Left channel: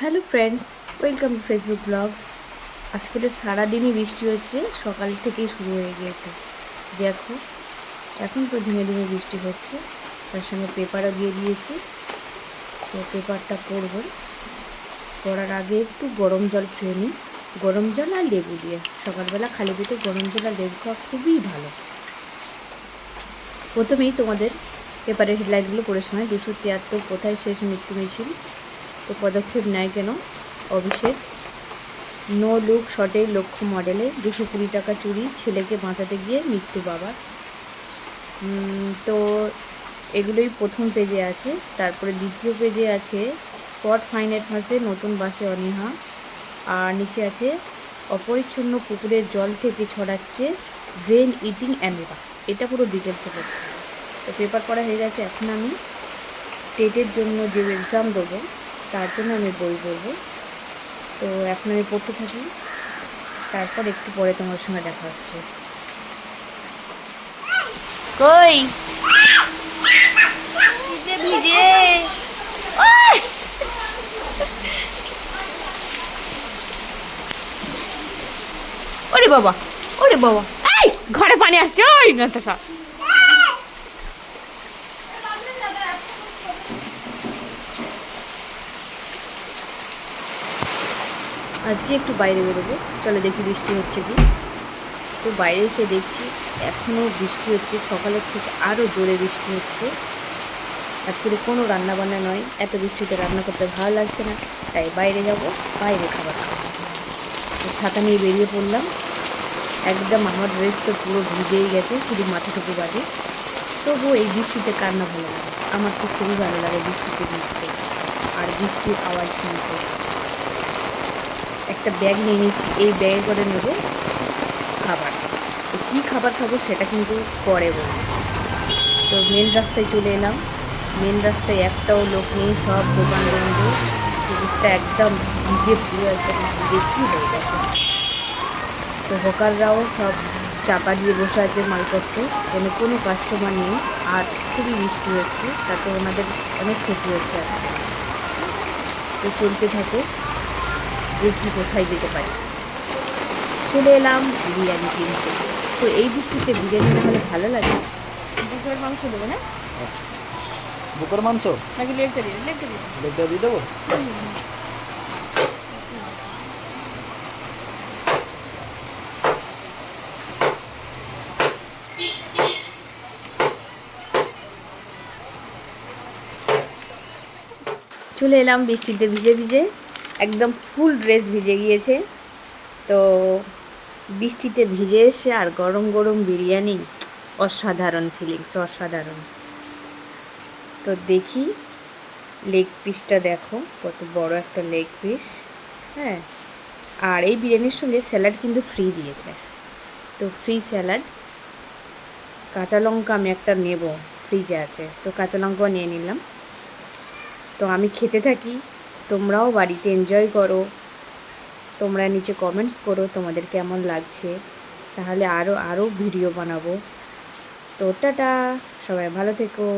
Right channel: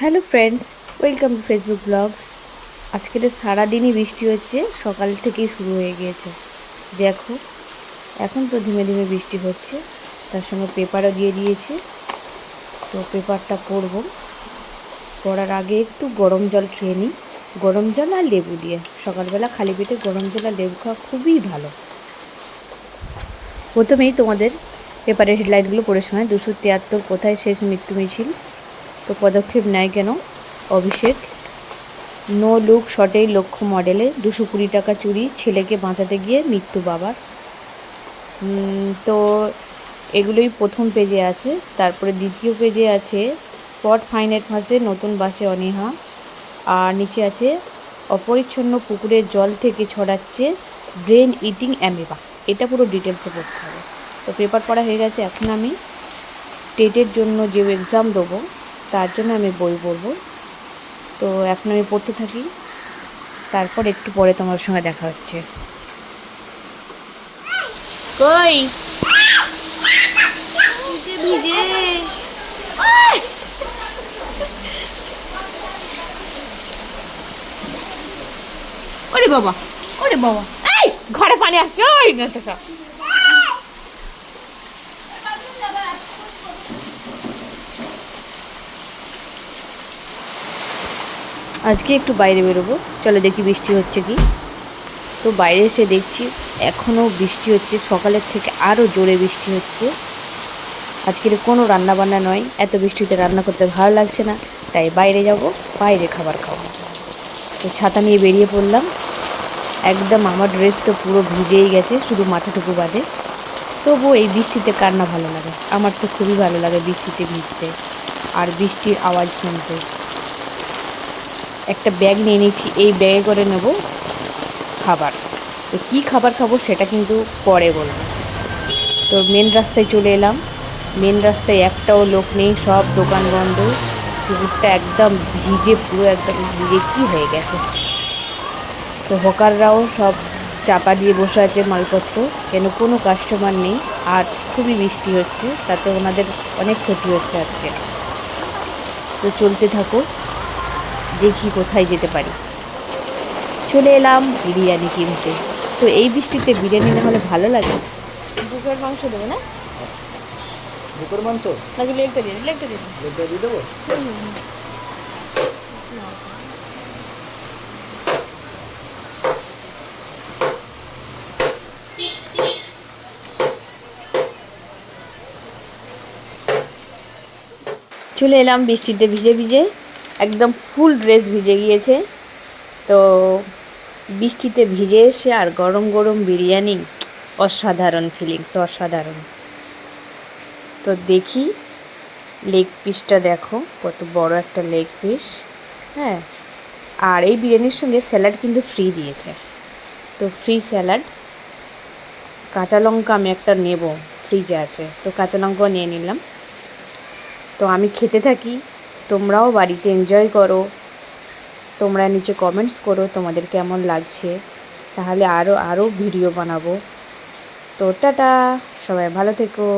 Hello friends, welcome to Facebook blogs. আজকে তো সারাদিনই বৃষ্টি হচ্ছে, সকাল থেকেই শুরু হয়ে গিয়েছে। দেখো, এখন তো ধীমে ধীমে বৃষ্টি হচ্ছে, তার সঙ্গে পেপারও দিয়ে দিয়েছি। তো পেপারটা করব করার আগে একটু গরম জল খেয়ে নিই। গরম জল আর লেবু দিয়ে। সকালবেলা খালি পেটে গরম জল আর লেবু খাওয়া খুবই ভালো। প্রথমেই তোমাদের পেপারের হেডলাইনগুলো পড়ে শোনায় দুশো তিয়াত্তর কোথায় শেষ মৃত্যু মিছিল তো পদক্ষেপ নেয় কেন? অভিষেক। নো লুক শটেই লক্ষ্য মডেলে দুশো কুড়ি টাকা চুরি ছেলেকে বাঁচাতে গিয়ে মৃত্যু বাবার তো এগুলোই প্রথম পেজে আছে। তারপরে দ্বিতীয় পেজে আছে স্পট ফাইনের ফাঁসে নতুন বাসে অনীহা। আর নিচে আছে অপরিচ্ছন্ন পুকুরের জল থেকে ছড়াচ্ছে ব্রেন ইটিং অ্যামিবা। এটা পুরো ডিটেলসে পড়তে হবে। তো পেপার পড়া হয়ে গেছে এখন আমি। টেটের জন্য যে এক্সাম দেবো তার জন্য আমি বই পড়ব। তো এখন আমি পড়তে থাকি। তারপর একটু পরে তোমার সঙ্গে দেখা হচ্ছে। কই? ওরে বাবা ওরে বাবা। এই, ঘরে পানি আসছে, ওই না তো সব আজকে একটু বাইরে বেরোবো। চলো দেখি বৃষ্টি হচ্ছে কি। তো বাইরে এসে দেখছি এখনও বৃষ্টি হচ্ছে। সকালের থেকে আরও জোরে বৃষ্টি হচ্ছে। আজকের কোনো রান্না বান্না নয়। এত বৃষ্টিতে রান্না করতে ভালো লাগছে না। তাই বাইরে যাব, বাইরে খাবার খাব। তো ছাতা নিয়ে বেরিয়ে পড়লাম। একদম আমার ড্রেস তো পুরো ভিজেই গেছে, শুধু মাথাটুকু বাদে। তবুও এই বৃষ্টিতে কার না ভালো লাগে? আমার তো খুবই ভালো লাগে বৃষ্টিতে ভিজতে। আর বৃষ্টির আওয়াজ শুনতে। একটা ব্যাগ নিয়ে নিয়েছি, এই ব্যাগে করে নেব খাবার। তো কী খাবার খাব সেটা কিন্তু পরে বলব। তো মেন রাস্তায় চলে এলাম। মেন রাস্তায় একটাও লোক নেই, সব দোকান বন্ধ। পুকুরটা একদম ভিজে, পুরো একদম বিরক্তি হয়ে গেছে। তো হকাররাও সব চাপা দিয়ে বসে আছে মালপত্র। কেন কোনো কাস্টমার নেই, আর খুবই বৃষ্টি হচ্ছে, তাতে ওনাদের অনেক ক্ষতি হচ্ছে আজকে। তো চলতে থাকো। দেখি কোথায় যেতে পারি। চলে এলাম বিরিয়ানি কিনতে। তো এই বৃষ্টিতে বিরিয়ানি হলে ভালো লাগে? বুকের মাংস দেবো না? দুপুর মাংস? নাকি লেগটা দিন লেগটা দিন লেগটা দিয়ে দেবো? চলে এলাম বৃষ্টিতে ভিজে ভিজে। একদম ফুল ড্রেস ভিজে গিয়েছে। তো বৃষ্টিতে ভিজে এসে আর গরম গরম বিরিয়ানি, অসাধারণ ফিলিংস অসাধারণ। তো দেখি লেগ পিসটা দেখো, কত বড় একটা লেগ পিস হ্যাঁ আর এই বিরিয়ানির সঙ্গে স্যালাড কিন্তু ফ্রি দিয়েছে। তো ফ্রি স্যালাড কাঁচা লঙ্কা আমি একটা নেব ফ্রিজে আছে। তো কাঁচা লঙ্কাও নিয়ে নিলাম। তো আমি খেতে থাকি তোমরাও বাড়িতে এনজয় করো। তোমরা নিচে কমেন্টস করো তোমাদের কেমন লাগছে। তাহলে আরও আরও ভিডিও বানাবো। তো টাটা, সবাই ভালো থেকো।